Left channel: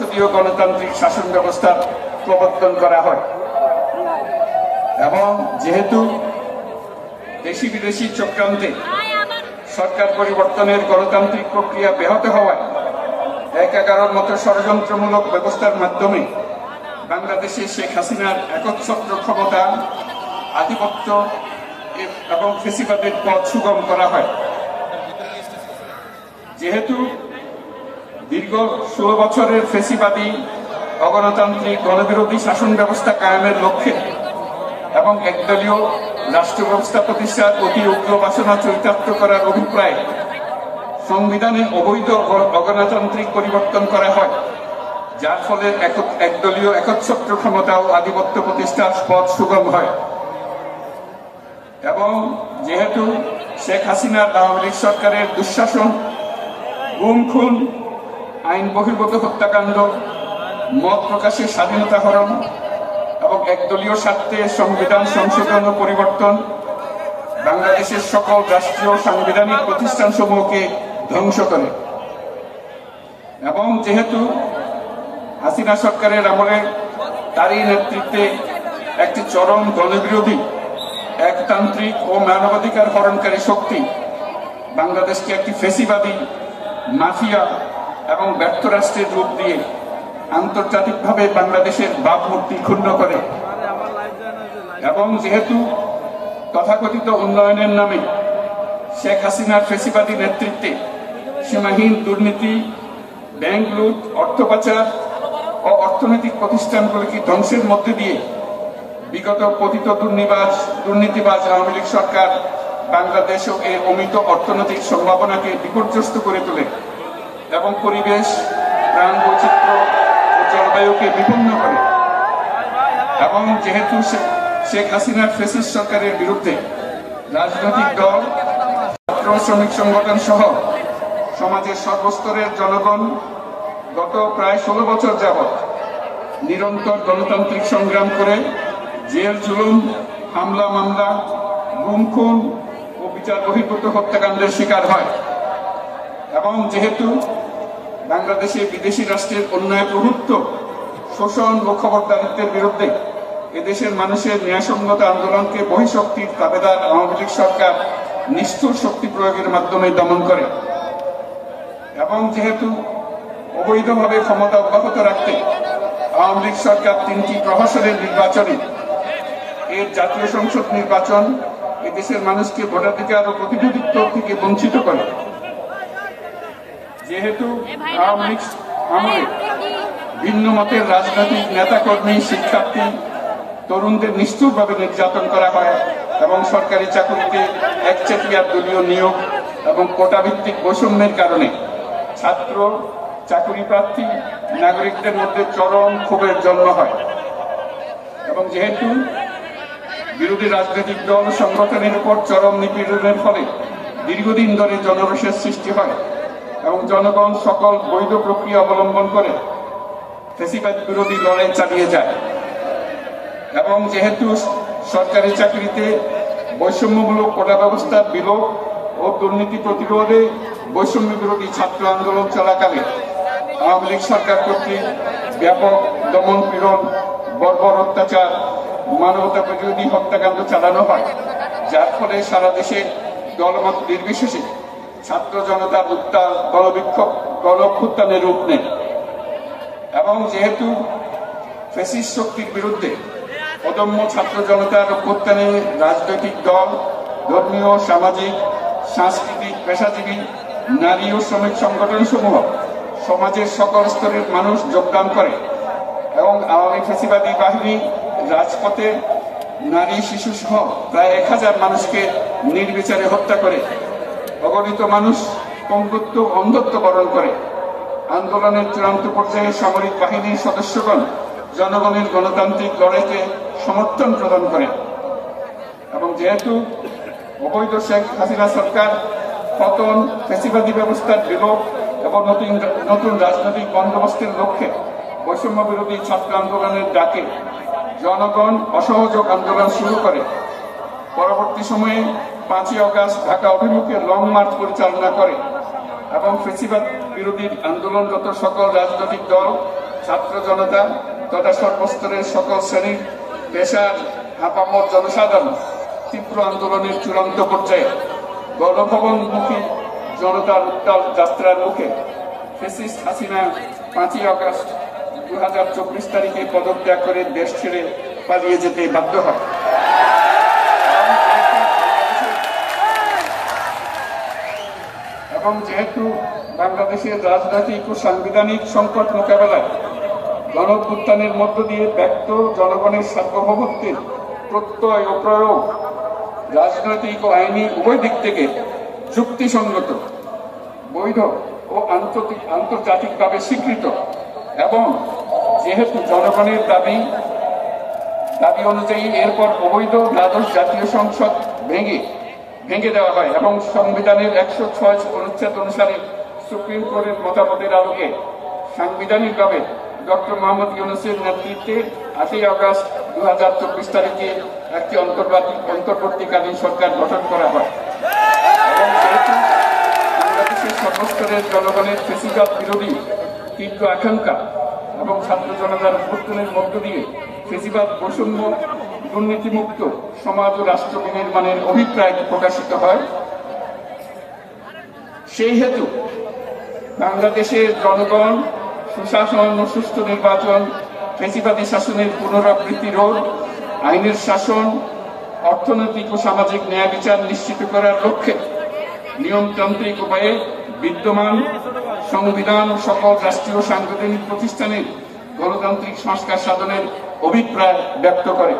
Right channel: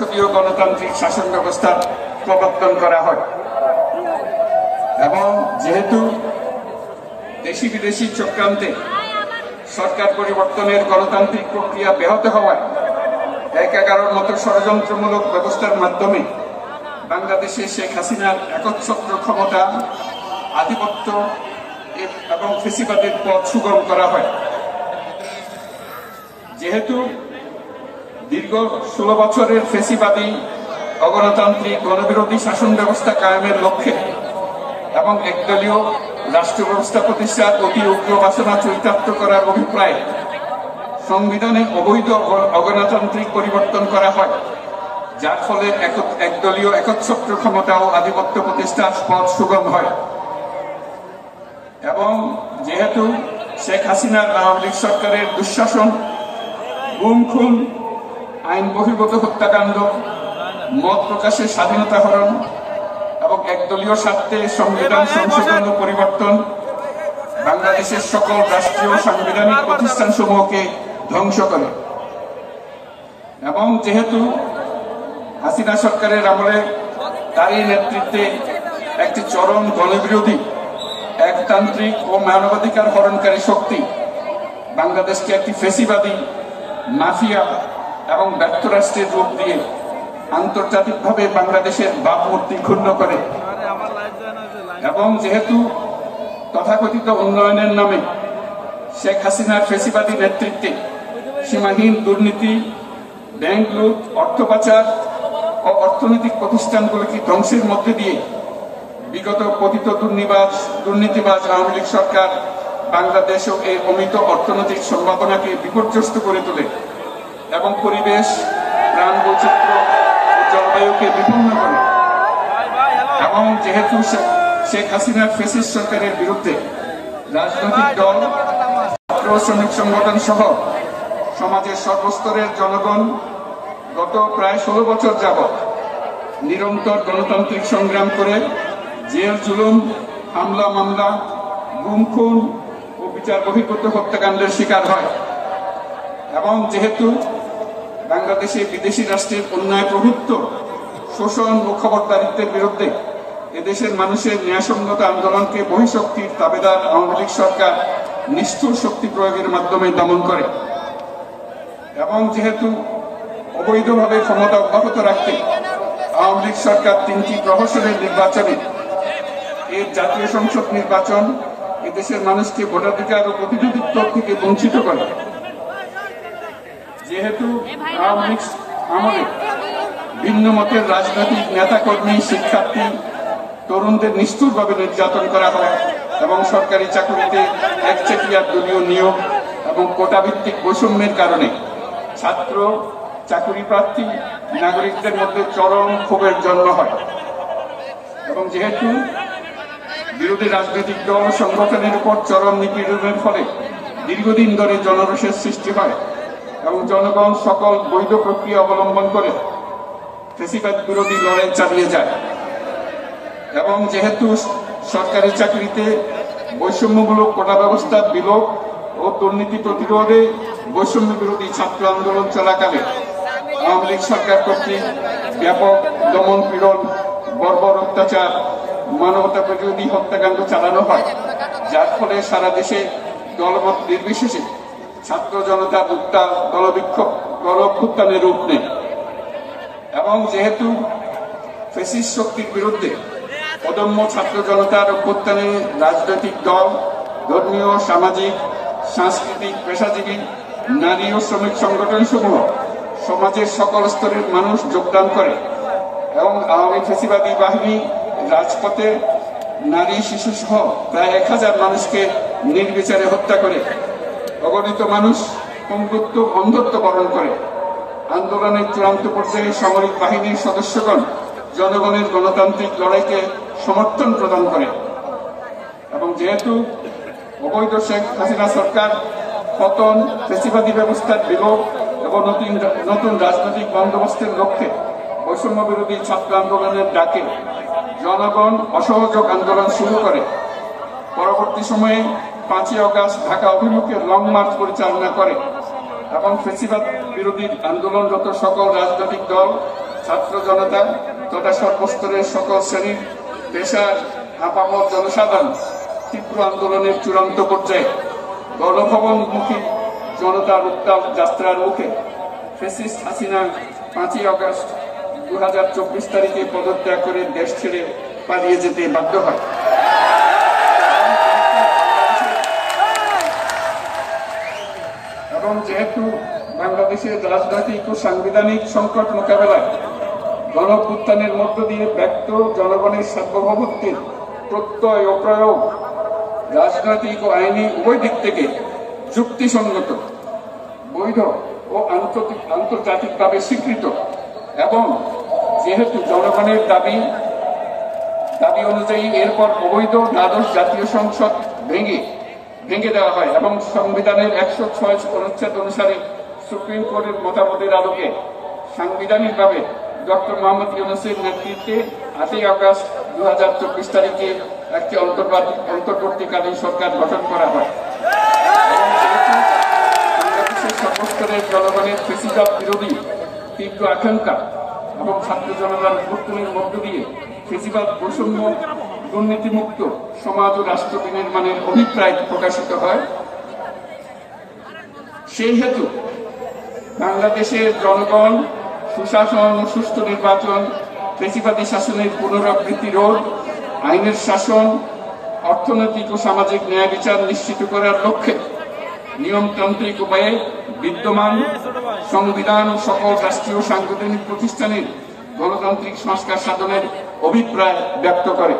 সংসদীয় গণতান্ত্রিক শাসন ব্যবস্থার প্রবর্তন করা হয় এবং যেহেতু দেশি বিদেশি চক্রান্তে সরকার পরিবর্তনের গণতান্ত্রিক প্রক্রিয়া ব্যাহত হওয়ায় ১/১১ মতো ষড়যন্ত্রমূলক ব্যবস্থার মাধ্যমে বাংলাদেশে শেখ হাসিনার একচ্ছত্র ক্ষমতা, আধিপত্য এবং ফেসিবাদের পথ সুগম করা হয়। যেহেতু দীর্ঘ ১৬ বছরের ফেসিবাদী অগণতান্ত্রিক গণবিরোধী শাসন ব্যবস্থা কায়েমের লক্ষ্যে এবং একদলীয় রাষ্ট্র ব্যবস্থা প্রতিষ্ঠার অতি উগ্র বাসনা চরিতার্থ করার অভিপ্রায়ে সংবিধানে অবৈধ অগণতান্ত্রিক পরিবর্তন করা হয়, যার ফলে একদলীয় একচ্ছত্র ক্ষমতা ও আধিপত্য প্রতিষ্ঠার পথ সুগম হয়। এবং যেহেতু শেখ হাসিনার আওয়ামী লীগ সরকারের দুঃশাসন, গুম খুন, আইন বহির্ভূত হত্যাকাণ্ড, মত প্রকাশের স্বাধীনতা হরণ এবং একদলীয় স্বার্থে সংবিধান সংশোধন ও পরিবর্তন বাংলাদেশের সকল রাষ্ট্রীয় সাংবিধানিক প্রতিষ্ঠানসমূহকে ধ্বংস করে। এবং যেহেতু হাসিনা সরকারের আমলে তারই নেতৃত্বে একটি চরম গণবিরোধী, একতান্ত্রিক ও মানবাধিকার হরণকারী শক্তি বাংলাদেশকে একটি ফেসিবাদী, মাফিয়া এবং ব্যর্থ রাষ্ট্রের রূপ দিয়ে আন্তর্জাতিকভাবে বাংলাদেশের ভাবমূর্তি ক্ষুণ্ণ করে এবং যেহেতু তথাকথিত উন্নয়নের নামে শেখ হাসিনার ফেসিবাদী নেতৃত্বে সীমাহীন দুর্নীতি, ব্যাংক লুট, অর্থ পাচার ও অর্থনৈতিক প্রতিষ্ঠানগুলিকে ধ্বংসের মধ্যে দিয়ে বিগত পতিত দুর্নীতিবাজ আওয়ামী লীগ সরকার বাংলাদেশ ও এর অমিত অর্থনৈতিক সম্ভাবনাকে বিপর্যস্ত করে তোলে এবং পরিবেশ, প্রাণ বৈচিত্র্য ও জলবায়ুকে বিপন্ন করে। এবং যেহেতু শেখ হাসিনার ফ্যাসিস্ট সরকারের বিরুদ্ধে রাজনৈতিক দল, ছাত্র শ্রমিক সংগঠন সহ সমাজের সর্বস্তরের জনগণ গত প্রায় ১৬ বছর যাবৎ নিরন্তর গণতান্ত্রিক সংগ্রাম করে জেল জুলুম, হামলা মামলা, গুম খুন ও বিচার বহির্ভূত হত্যাকাণ্ডের শিকার হয়। এবং যেহেতু বাংলাদেশে বিদেশি রাষ্ট্রের অন্যায় প্রভুত্ব, শোষণ ও খবরদারিত্বের বিরুদ্ধে এদেশের মানুষের ন্যায়সঙ্গত আন্দোলনকে বহিঃশক্তির তাবেদার আওয়ামী লীগ সরকার নিষ্ঠুর শক্তি প্রয়োগের মাধ্যমে দমন করে। এবং যেহেতু অবৈধভাবে ক্ষমতা অব্যাহত রাখতে আওয়ামী লীগ সরকার ৩টি প্রহসনের নির্বাচনে এর জাতীয় সংসদ নির্বাচন এদেশের মানুষকে ভোটাধিকার ও প্রতিনিধিত্ব থেকে বঞ্চিত করে। যেহেতু আওয়ামী লীগ আমলে ভিন্ন মতের রাজনৈতিক নেতাকর্মী, শিক্ষার্থী, তরুণদের নিষ্ঠুরভাবে নির্যাতন করা হয় এবং সরকারি চাকুরিতে একচেটিয়া দলীয় নিয়োগ এবং কোটাভিত্তিক বৈষম্যের কারণে ছাত্র, চাকুরি প্রার্থী, নাগরিকদের মধ্যে চরম ক্ষোভের জন্ম হয়। এবং যেহেতু বিরোধী রাজনৈতিক দল সংগঠনের উপর চরম নিপীড়নের ফলে দীর্ঘদিন ধরে জনরোষের সৃষ্টি হয় এবং জনগণ সকল বৈধ প্রক্রিয়া অবলম্বন করে ফেসিবাদ বিরোধী লড়াই চালিয়ে যায়। এবং যেহেতু সরকারি চাকরিতে বৈষম্যমূলক কোটা ব্যবস্থার বিলোপ ও দুর্নীতি প্রতিরোধে বৈষম্য বিরোধী ছাত্র আন্দোলন চলাকালে আওয়ামী লীগ সরকার কর্তৃক ব্যাপক দমন পীড়ন, বর্বর অত্যাচার, মানবতা বিরোধী হত্যাকাণ্ড চালানো হয়, যার ফলে সারা দেশে দলমত নির্বিশেষে ছাত্র জনতার উত্তাল গণঅভ্যুত্থানে রূপ নেয়। এবং যেহেতু ফ্যাসিস্ট শক্তির বিরুদ্ধে অদম্য ছাত্র জনতার অভ্যুত্থানে রাজনৈতিক দল, ধর্মীয়, সামাজিক, সাংস্কৃতিক, পেশাজীবী, নারী ও শ্রমিক সংগঠন সমূহ সমাজের সকল স্তরের মানুষ যোগদান করে এবং আওয়ামী ফ্যাসিবাদী বাহিনী রাজপথে নারী, শিশু সহ প্রায় ১,০০০ মানুষকে নির্বিচারে হত্যা করে, অগণিত মানুষ পঙ্গুত্ব, অন্ধত্ব বরণ করে। আন্দোলনের চূড়ান্ত পর্যায়ে সামরিক বাহিনীর সদস্যগণ জনগণের গণতান্ত্রিক লড়াইকে সমর্থন প্রদান করে। এবং যেহেতু অবৈধ শেখ হাসিনা সরকার পতন, ফেসিবাদী ব্যবস্থার বিলোপ এবং নতুন রাজনৈতিক বন্দোবস্তের লক্ষ্যে বৈষম্য বিরোধী ছাত্র আন্দোলনের ডাকে জনগণ অসহযোগ আন্দোলন শুরু করে, পরবর্তী সময়ে ৫ই আগস্ট ঢাকা অভিমুখে লং মার্চ পরিচালনা করে এবং ফেসিবাদ বিরোধী আন্দোলনরত সকল রাজনৈতিক দল ছাত্র জনতা তথা সর্বস্তরের সকল শ্রেণীর পেশার আপামর জনসাধারণ তীব্র আন্দোলনের চূড়ান্ত পর্যায়ে গণভবনমুখী জনতার উত্তাল যাত্রার মুখে ফ্যাসিস্ট হাসিনা 5ই আগস্ট 2024 তারিখে পদত্যাগ করে দেশ ছেড়ে পালিয়ে যেতে বাধ্য হয়। এবং যেহেতু বাংলাদেশের রাজনৈতিক ও সাংবিধানিক সংকট মোকাবেলায় গণঅভ্যুত্থানের মধ্য দিয়ে ব্যক্ত জনগণের সার্বভৌমত্বের প্রত্যয় ও প্রয়োগ রাজনৈতিক ও আইনি উভয় দিক থেকে যুক্তিসঙ্গত, বৈধ ও আন্তর্জাতিকভাবে স্বীকৃত, এবং যেহেতু জনগণের দাবি অনুযায়ী এরপর অবৈধ দ্বাদশ জাতীয় সংসদ ভেঙে দেওয়া হয় এবং সংবিধানের 106 অনুচ্ছেদ অনুসারে সুপ্রিম কোর্টের মতামতের আলোকে সাংবিধানিকভাবে ডক্টর মোহাম্মদ ইউনূসের নেতৃত্বে 8ই আগস্ট 2024 তারিখে একটি অন্তর্বর্তীকালীন সরকার গঠন করা হয়। এবং যেহেতু বাংলাদেশের সর্বস্তরের জনগণের ফ্যাসিবাদ বিরোধী তীব্র আকাঙ্ক্ষা এবং ছাত্র জনতার অভ্যুত্থানের মধ্য দিয়ে ফ্যাসিবাদ বৈষম্য দুর্নীতিমুক্ত সমাজ ও রাষ্ট্র বিনির্মাণের অভিপ্রায় প্রকাশিত হয়, সেই হেতু বাংলাদেশের জনগণ সুশাসন ও সুষ্ঠু নির্বাচন, ফ্যাসিবাদী শাসনের পুনরাবৃত্তি রোধ, আইনের শাসন, অর্থনৈতিক ও সামাজিক ন্যায় বিচার নিশ্চিত করার লক্ষ্যে নিয়মতান্ত্রিক উপায়ে বিদ্যমান সংবিধান ও সকল রাষ্ট্রীয় সাংবিধানিক প্রতিষ্ঠানের গণতান্ত্রিক সংস্কার সাধনের অভিপ্রায় ব্যক্ত করে।